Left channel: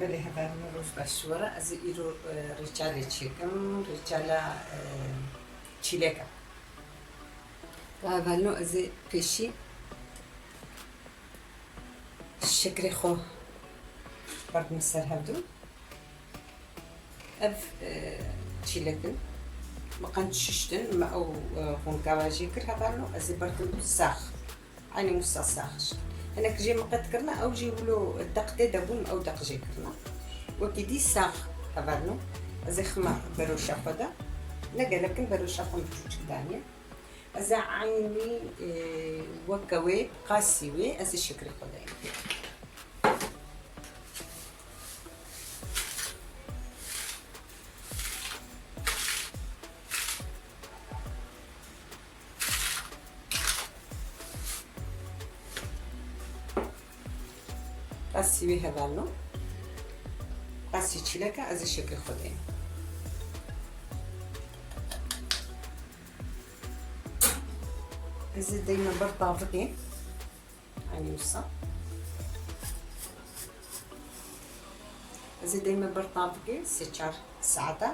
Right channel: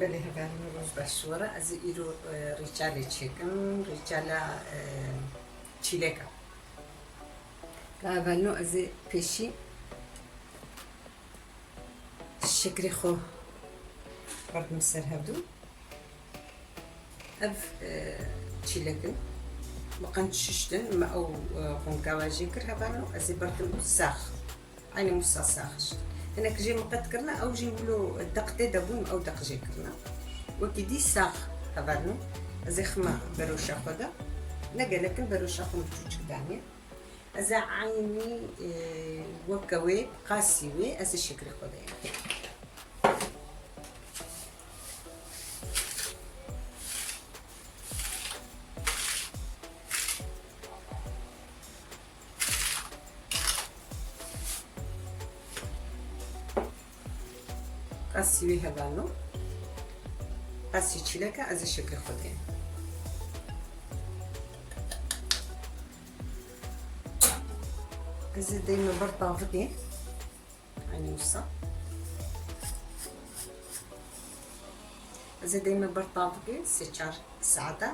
بله هذا روز بشورة از ایرو ریچاله چیکم ریچاله چیلکا اولو از پیشی شکری خو برد مسر هردو اف چیلکن مقن ششتن ما او خونكاواجي كر هذانو از برد ساخ عيني مسا ساخش انا كجي مقد كرنا او جيبلو دقتي دبون او دق جي كرنا وكيدي ساخ هذانو از خما بروشا خدا نجا لكن بروشا خم تشوش دانيا از عيني وكوي قاسيوي از الشكل خدا قاسيوي هذانو قاسي تشيلكا از الشكل خدين از دايما برطافقي يعني وصا از دايما برطافقي سيشار ساعتا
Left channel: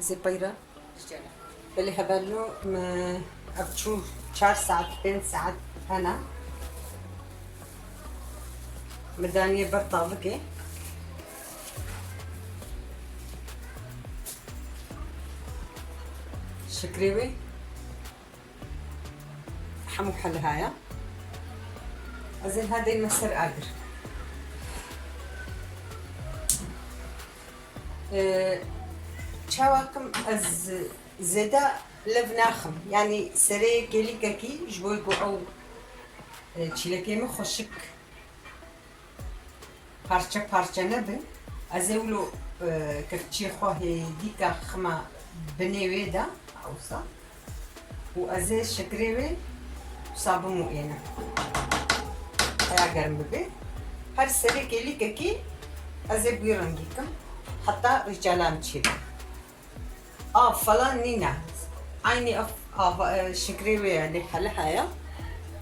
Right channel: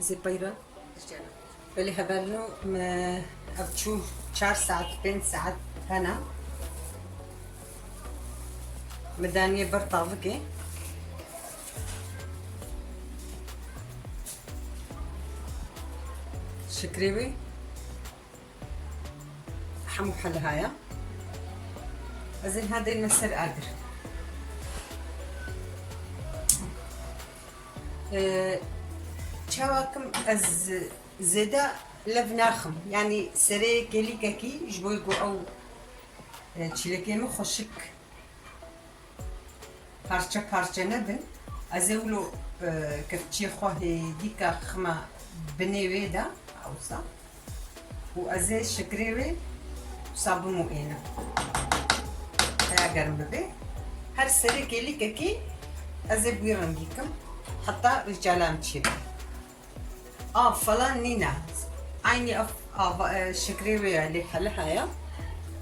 زي بيرا بلي هذانو ما ابتشو 4 ساعات 5 ساعات هنا مدانية برطافقي شكريوي حمو حل هايا أزين هذا المسر قادر شاواكم از زيدا لبناخم يعني سري كيلي كاكي جبويقو أو تشيلكيمو خوشك parça parça nebin az evlo kefçi xwahe dîka xima binê wê de ewsa û ez ê şekerê wê sabim û êne heya germ bibe her serê kêlîkekî ez ê bûyê rengîkim heta rîçalam çî be av falan nîne aynî av şekerê wê lê hele heye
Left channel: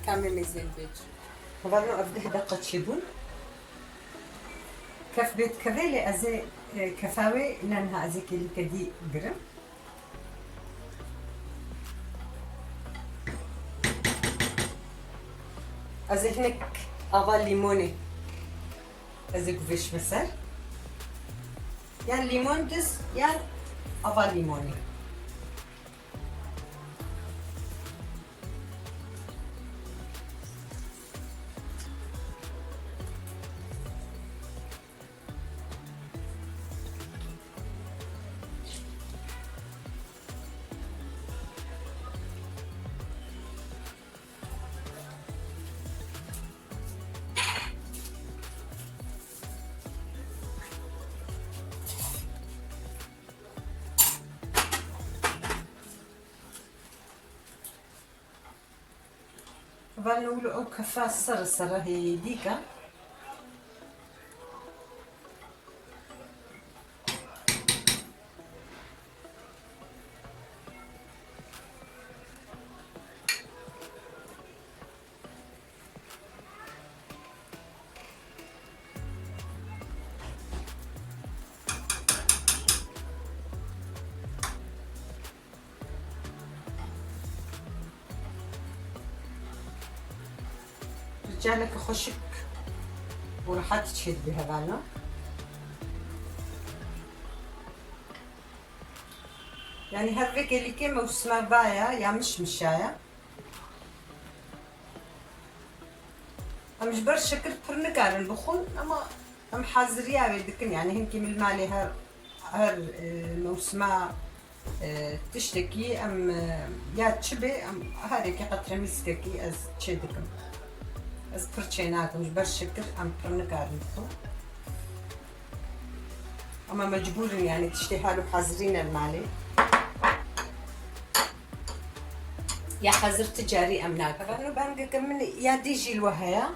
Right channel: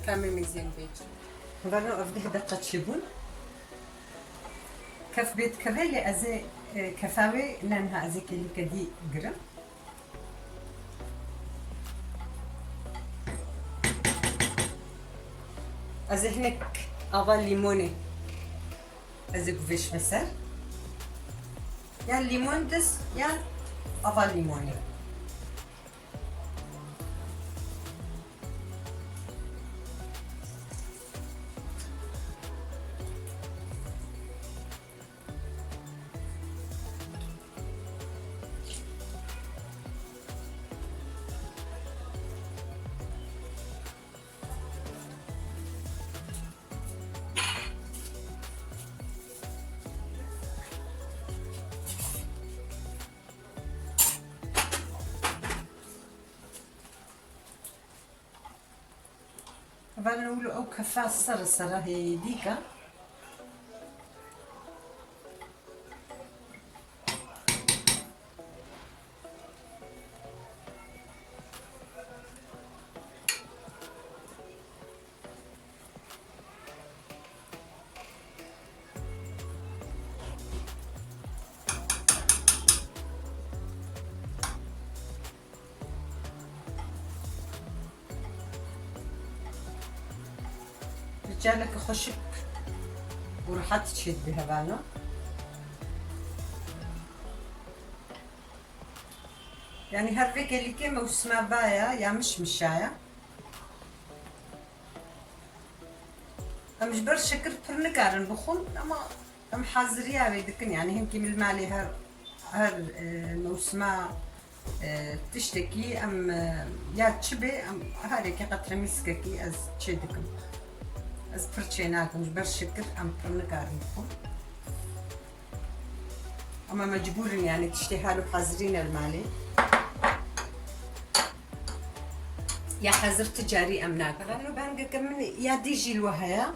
kamê mêzên bêj hevano ev 10 deqe çîbûn كف بيت كفيلي أزي كفاوي لأنها أزي كلي كدي قرم أزي هناك أفال ليموني أزي قفيش مسر يعني ليمون دس يعني أفال ليموني فنقولوا أو كفاس صر هي ديكا رجالك خشك وراحت تشد بهذانا يعني هالفكرة اللي كيما وسما بايا يا مش مشايا مش برشا كرت برنكارن بخون اما ام حاضريا بدكن يعني هم كيما المالي هر موسما تشتكي ام يا تشبي ام هاريكي قطره مسككي از تشدكم از پرچیناکم جبر شکر ام پرنکارم بخون اما مجبورين يعني تشتهالو حاضرين المالي يا حاضر تجاري ام ناكر لانه بانقا كمن يا ديجي الوهايا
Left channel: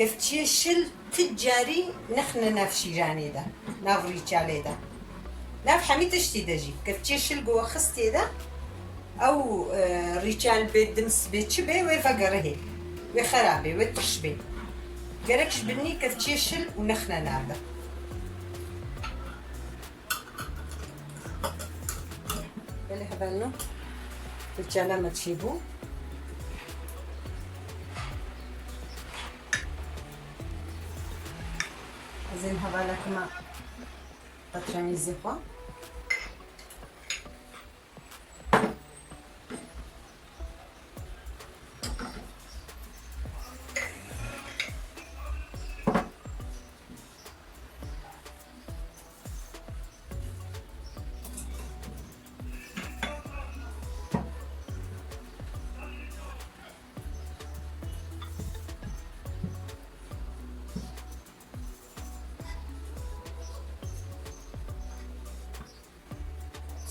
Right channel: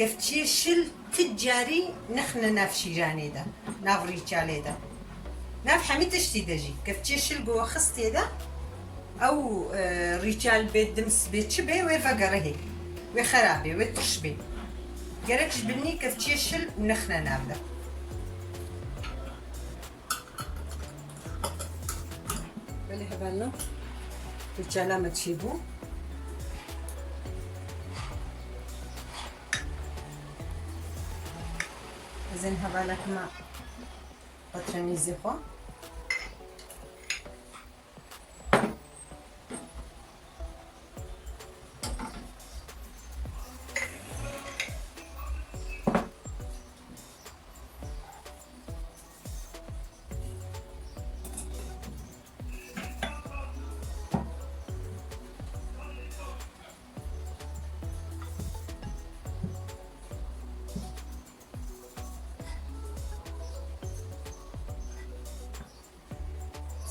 قفتشي شل تجاري نخنا ناف شيراني دا ناف ريتشالي دا ناف حمي تشتي دجي قفتشي شل قوة خستي دا او ريتشال بيت دمس بيت شبه وفقره وخرابي وتشبي قالكش بني كتشيشل ونخنا نعمله بالي هبانو الجالا ما تشيبو زين هبالك ما بطرمي زيخوا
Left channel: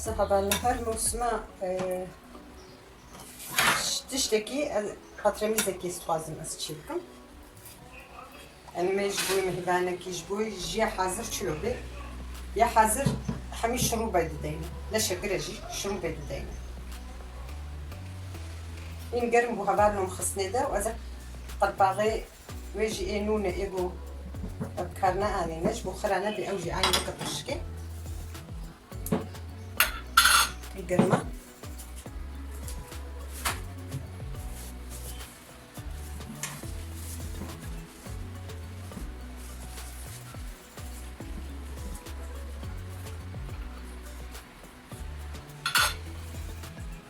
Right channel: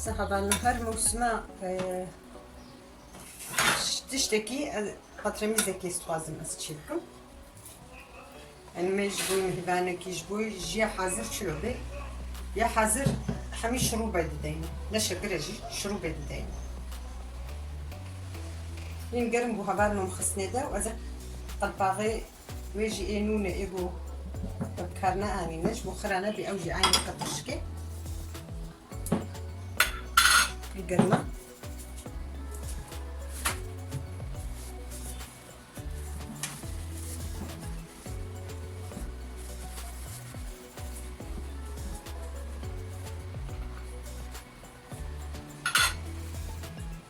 صحابا النهار موسمة تشتكي بطرمي زكي ستوازم أستشيلكم يعني ما يجبوي مهبانا كي يجبوي يجي حاضر شلوبي يا حاضر حمي شروبة ديني لا شكرا جي شروبة ديني ينقرم بوها بالهم خصني دا وأذا طباغي ويجي إنونة إيغو بكارنا آني نجبو خرانا بأوجي عيني كتشكي القرمة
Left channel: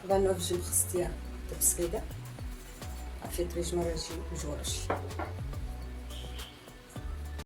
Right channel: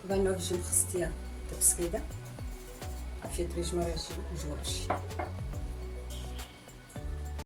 بانو في جم خصتيا تبسكيدة عفيت بيجمو رجي وجورشي